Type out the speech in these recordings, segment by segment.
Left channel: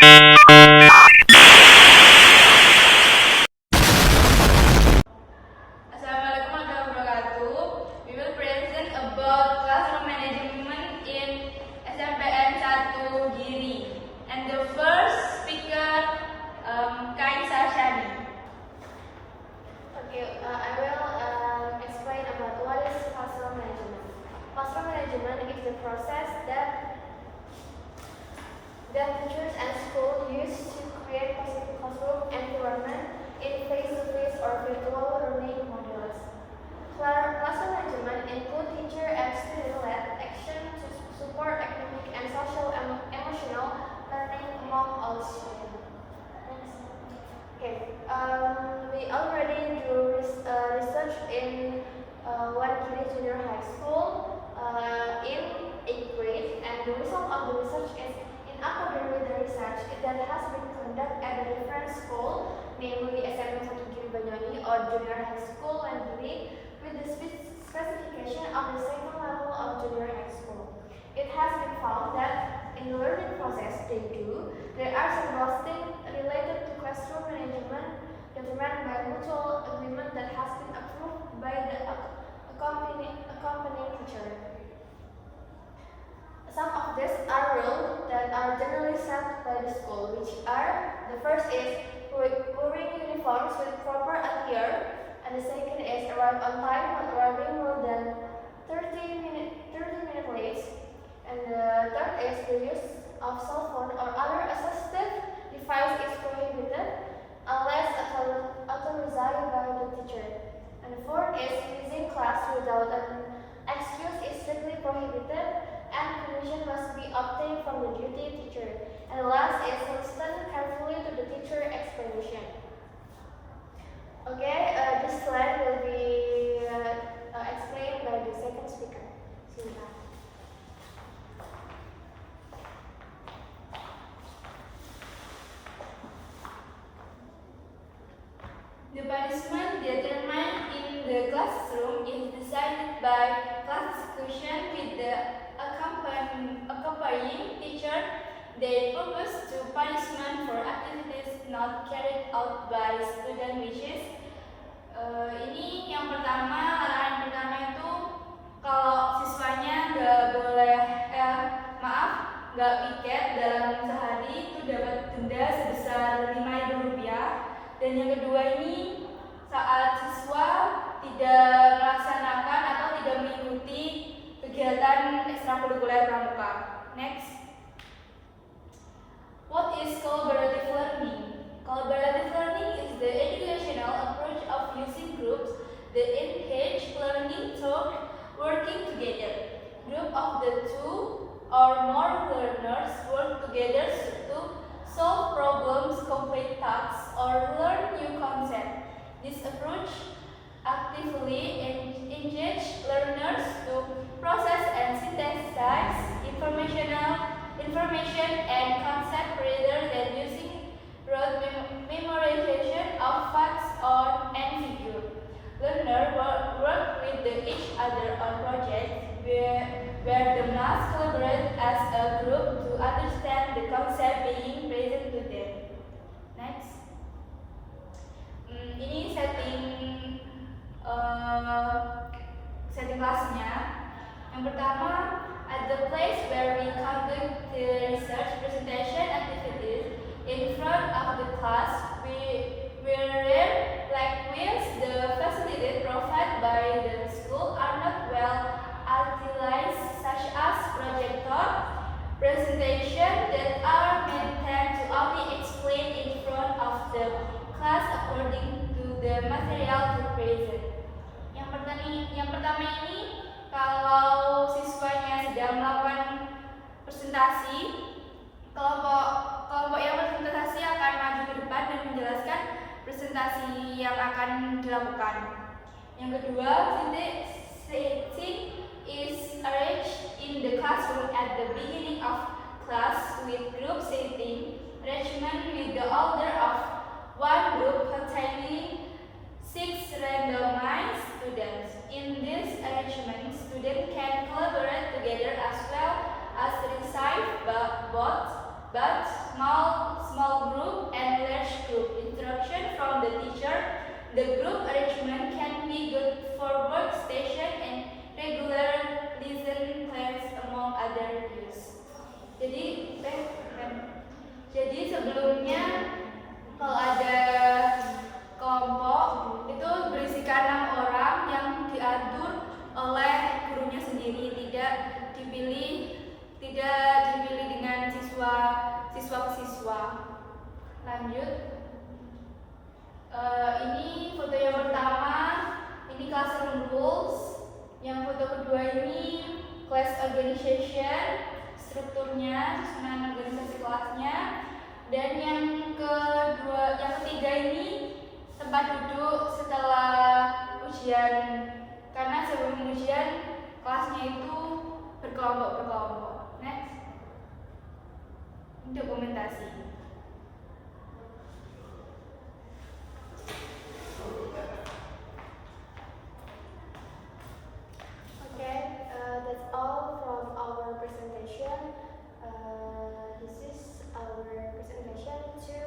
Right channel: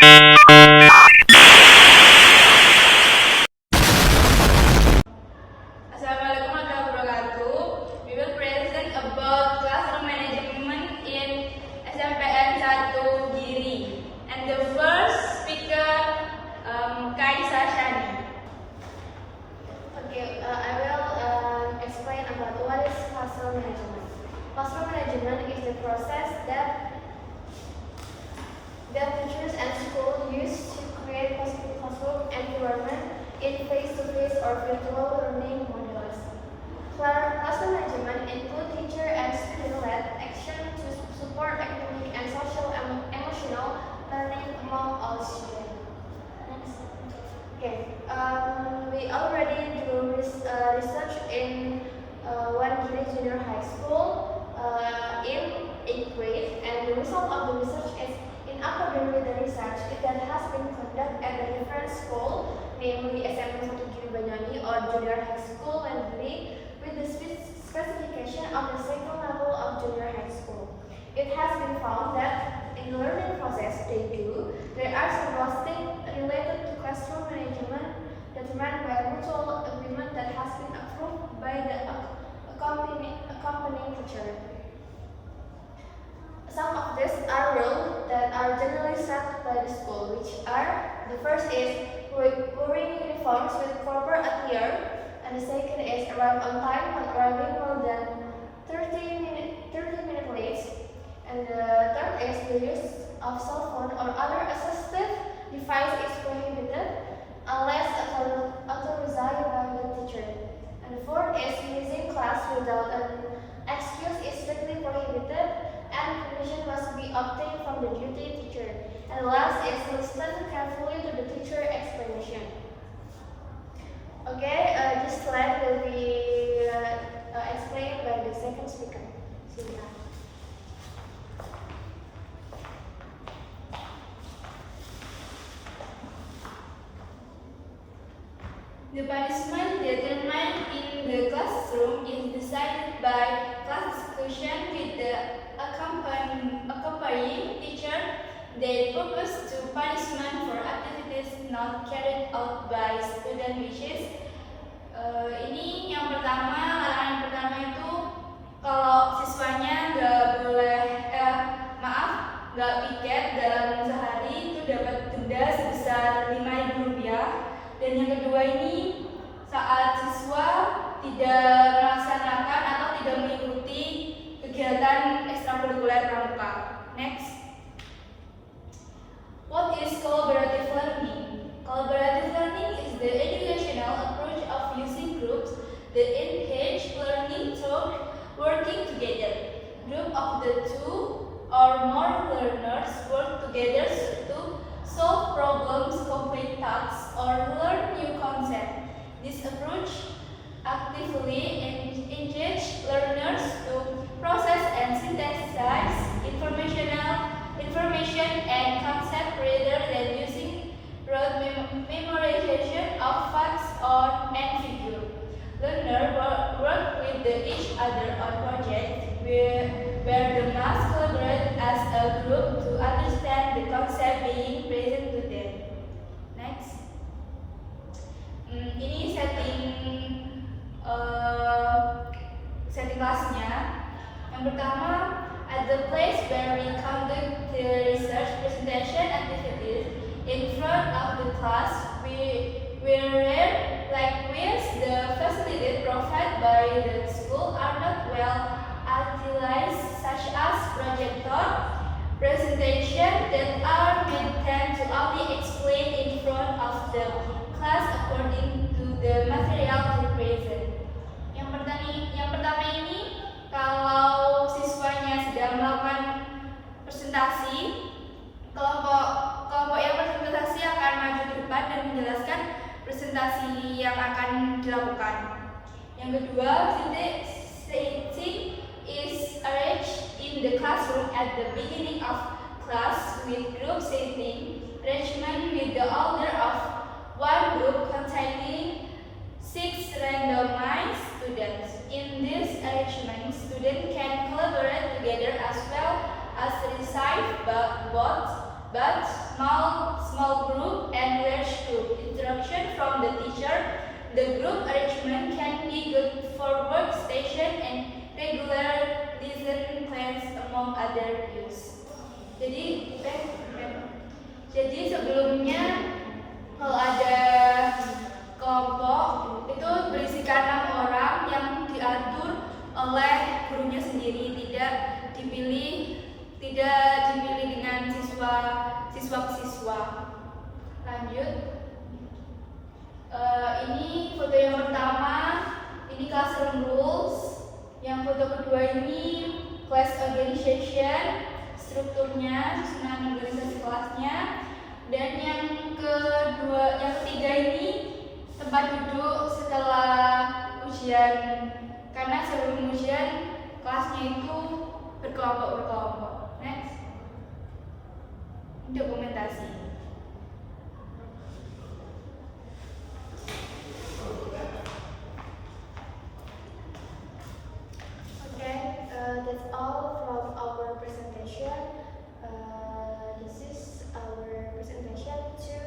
Assalamualaikum warahmatullahi wabarakatuh. We will present about classroom management in SMPN 1 Giri. And the first speaker, Kaisa Shani. Okay, I will explain about what is classroom management. Classroom management is the process that teachers and schools use to create positive classroom environment in face-to-face or virtual learning models. Classroom management includes teacher and student-led action to support academic and social-emotional learning among all students. Okay, we already do research in One Giri Junior High School in 8th grade, and the result of the research is in accordance with the research that has been conducted at the different school, namely SMPN 1 Giri Banyuwangi or Junior High School and Giri, with the specification of the second level of Junior High School. It has been found that in the learning process there are some things related to classroom management determined by a mutual agreement that has been approved by the accompanying teacher. Some of these are rules that are generally set by the school, which are: the first is wearing uniforms with proper attire, and the second is arrive on time, not arriving more than 30 minutes late, and the third is the use of cell phone or other assistive device is prohibited unless authorized by the teacher, and the fourth is using class without an excuse is strictly prohibited, and permission must be obtained from the duty teacher. And the last is listen carefully to the teacher explanation. Okay, this slide will be explained by the second speaker. Silvia. The punishment determined in the classroom is decided by class discussion with the accompanying teacher. They propose to punishment for activities not carried out by student wishes. Ini yang pertama, larangan yang pertama itu kalau siswanya nggak piket dalam sehari itu dapat denda sebesar Rp5.000. Dan yang kedua ini, saat siswa tidak melaksanakan atau tidak mengikuti kegiatan ekstrakurikuler pramuka. Next. What is collaborative learning? Collaborative learning is the educational approach of using groups that engage learning through working together. Group of the two or more learners work together to solve problems, complete tasks, or learn new concepts. This approach actively engages learners to process and synthesize information and concepts rather than using rote memorization of facts and figures. Learners work with each other on projects where the must collaborate as a group to understand the concept being present to them. Next. Ini setting kelasnya. Yang pertama, at the place where we conduct the research presentation activities in front of the class, we rare likewise the facilities provided by the school are not well utilized, such as projector, presentation that are meant to only explain in front of the class according to the material to present. Yang pertama ini, kalau siswanya sedang melakukan presentasi, kelompok yang presentasi akan maju ke depan dan menjelaskan presentasi yang akan dilakukan. Yang kedua, seating is arranged in the classroom at the beginning of class with group setting arrangement with the order of one group containing 6 randomized students. In this arrangement, students can collaborate together as well as receive but small The group arrangement can be good for workstation and regular lesson plans among other use. Jadi sebelumnya kalau ada kelompok itu berisikan 6 orang yang diatur oleh gurunya sendiri, tidak dipilih dengan siswa-siswa. Lanjut. Ini foto yang pertama, ini classroom rules. Yang foto kedua ini class organization, strukturnya, susunan organisasi kelasnya. Dan yang ketiga ini tempat duduk setelah ujian, karena sebelum ujian kelasnya itu berkelompok. Next. Dokumentasi. That's all from our presentation. This is our presentation to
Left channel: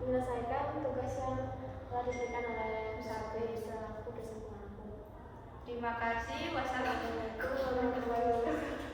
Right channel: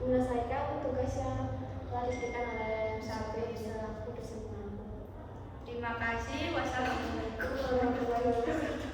menyelesaikan tugas yang telah diberikan oleh Sabri selaku presenter. Terima kasih. Wassalamualaikum warahmatullahi wabarakatuh.